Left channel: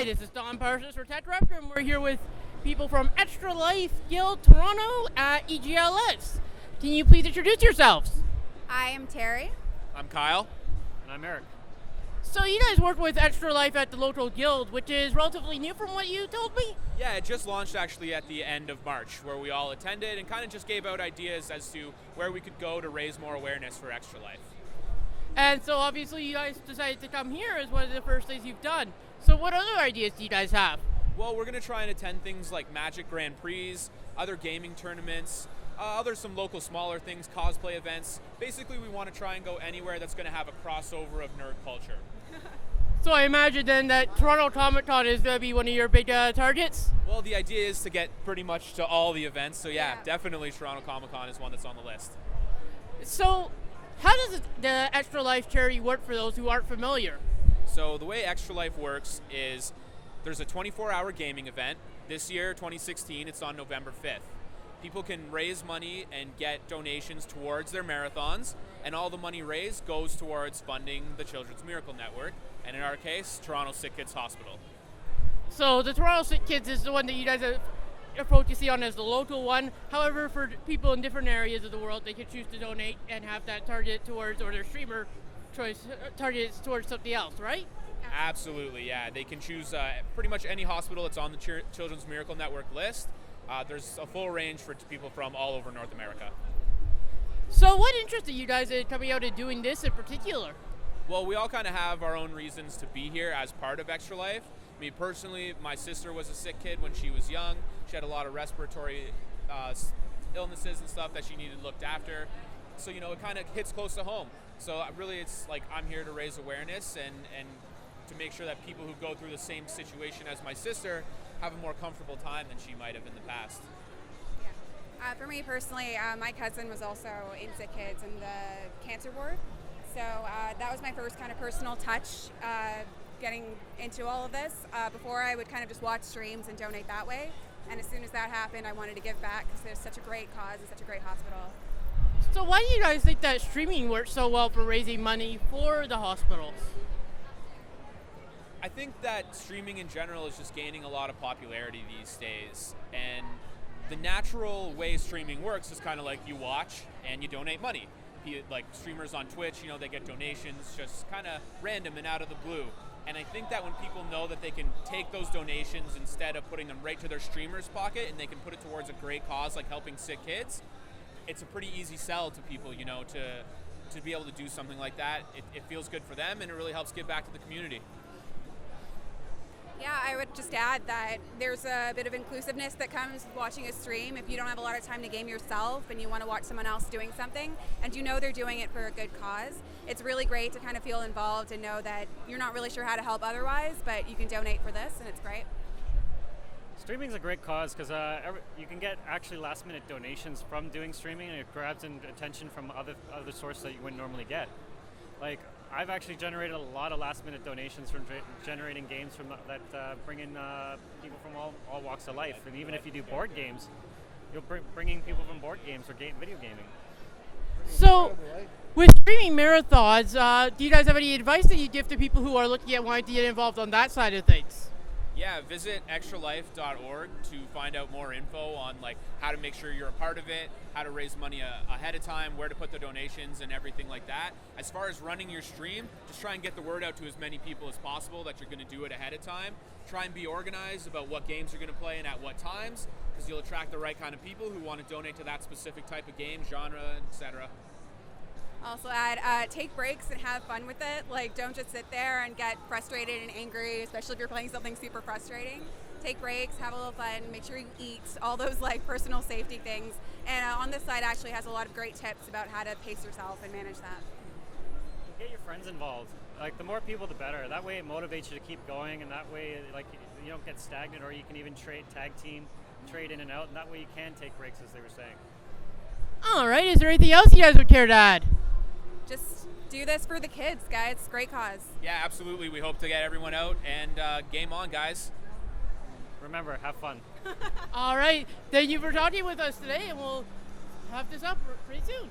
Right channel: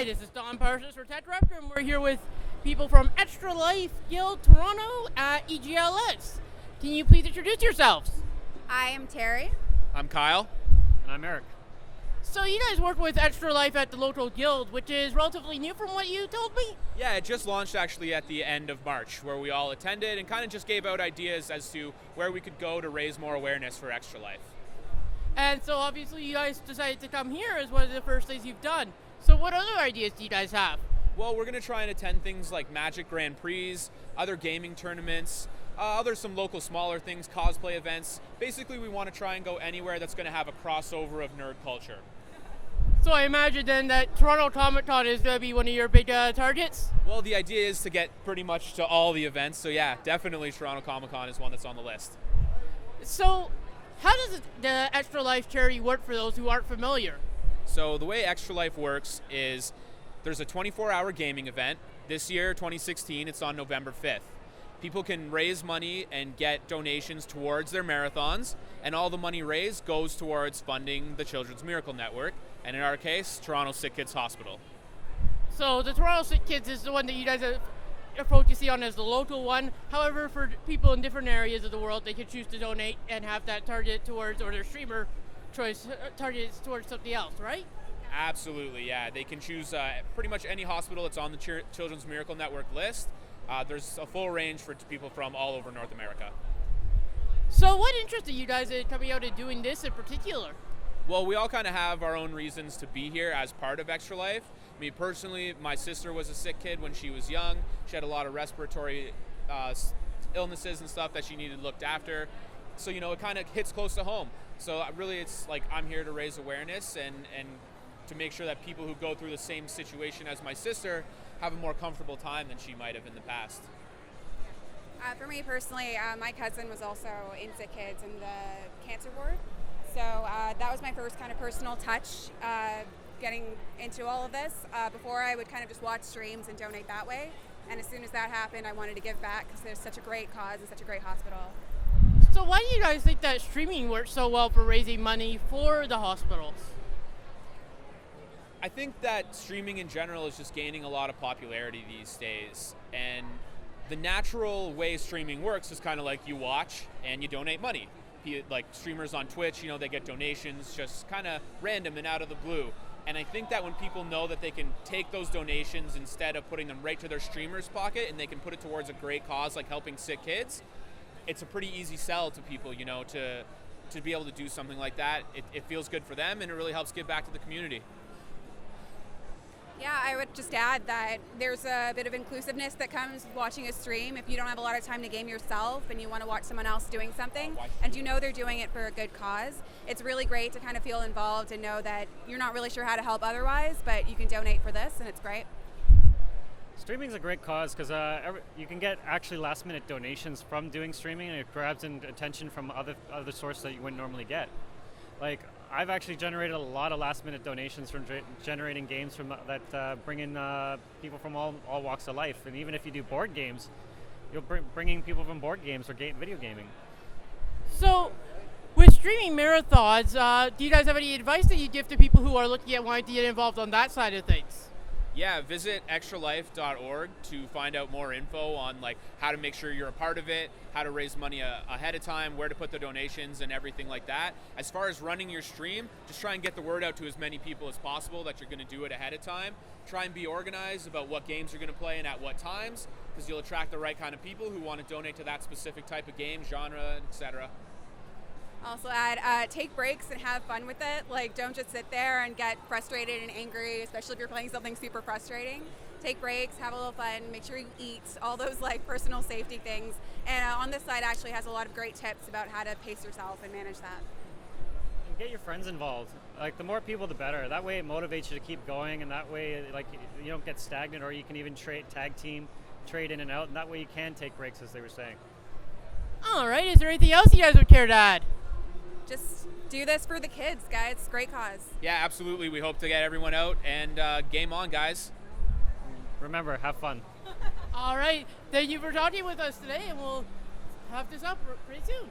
Hi, this is Don Parsons for TechRaptor, and we're here with people from Extra Life Guild Toronto at EGLX. Can you please introduce yourselves? I am Terry. I'm Kyle. And I'm Eric. So you guys work with Extra Life at the local guild, which is relatively new from what you told me? Yeah, it just launched actually at the end of March, where we all attended and kind of just gave out ideas as to where we could go to raise more awareness for Extra Life. And so obviously you guys decided to come here as one of the first things you've done. So what other ideas do you guys have? Well, we're going to try and attend things like Magic Grand Prix, other gaming tournaments, some local smaller things, cosplay events. Basically, we want to try and go anywhere that's going to have a crossover of nerd culture. So I imagine then that Toronto Comic-Con is going to be one of your big targets? Well, the idea is to get pretty much to all the events, so yeah, definitely Toronto Comic-Con is one that's on the list. So how does the Extra Life charity work for those who aren't familiar? So the way Extra Life works is there's a 24-hour gaming event. This year, 2016, it's on November 5th. People can raise money and get donations towards their marathons, and all the money raised goes towards funding the Children's Miracle Network, and in our case, Toronto Sick Kids Hospital. So the Toronto Sick Kids is the one that you guys approach to see on as the local one. However, for people in different areas of the world, they can choose to donate and have that targeted towards, or their streamer choice targeted towards something else, right? Absolutely, yeah. They can choose pretty much any hospital that's on the Children's Miracle Network list. There's a full range for people from all over North America. So what interested you guys in coming out and doing this in particular? Well, we all kind of have our own reasons to be here as part of Extra Life. Me personally, my sister was a sick kid when she was young. She had a lot of respiratory illnesses and stuff that she needed looked after. So, it kind of hits close to home. So really it's like I'm here to raise awareness and to make sure that people who go through the same situation as my sister have a more comfortable time than she might have in the past. For me personally, my cousin was also in Sick Kids in the cancer ward. So that was my first kind of personal touch getting into all of this. Before I would kind of just watch streams and donate that way. And as soon as that happened, I wanted to give back because there's such a great cause and such a great hospital. So why do you guys think that streaming works so well for raising money for the hospitals? I think that streaming in general is just gaining a lot of popularity these days. And the natural way streaming works is kind of like you watch and you donate money. Like streamers on Twitch, they get donations just kind of random and out of the blue. And I think that when people know that they can take those donations instead of putting them right to their streamer's pocket and they can put it towards a great cause like helping sick kids, it's a pretty easy sell to people, to be able to do something like that. It feels good for them and it really helps give back to the community. Yeah, I would just add that there's a bit of inclusiveness that comes with watching a stream. If you don't have a lot of time to game yourself and you want to watch someone else doing something and they're doing it for a good cause, it's really great to kind of feel involved and know that you're not really sure how to help otherwise, but you can donate for this and it's great. Streaming is a great cause because you can get actually last-minute donations from doing streaming, and it grabs in attention from other sources that you wouldn't normally get. Like, I've actually generated a lot of last-minute donations from generating games that bring in people from all walks of life. And even if you do board games, you'll bring in people from board games or video gaming. So, with streaming marathons, do you guys have any advice that you give to people who are looking at wanting to get involved on that side of things? Yeah, visit extralife.org to find out more info on how to make sure you're a part of it, how to raise money ahead of time, where to put the donations and everything like that. As far as running your stream, just try and get the word out to as many people as possible that you're going to do it ahead of time. Try and be organized about what games you're going to play and at what times, because you'll attract the right kind of people who want to donate to that specific type of game, genre, etc. Also add, take breaks and have fun with it. Don't just sit there and get frustrated and angry, especially if you're playing something super frustrating. Take breaks, have a little fun, make sure you eat, all those personal safety things. And on this site actually has a lot of great tips about how to pace yourself and manage that. And get your friends involved. The more people, the better. That way it motivates you to keep going, and that way you don't get stagnant, or you can even tag team, trade in and out, and that way you can take breaks, as they were saying. All right, is there anything else you guys would care to add? Just do this for the kids, guys. Great cause. Yeah, absolutely. We hope to get everyone out and game on, guys. Remember, have fun. All right, thank you for talking with us today, and we'll have this up pretty soon.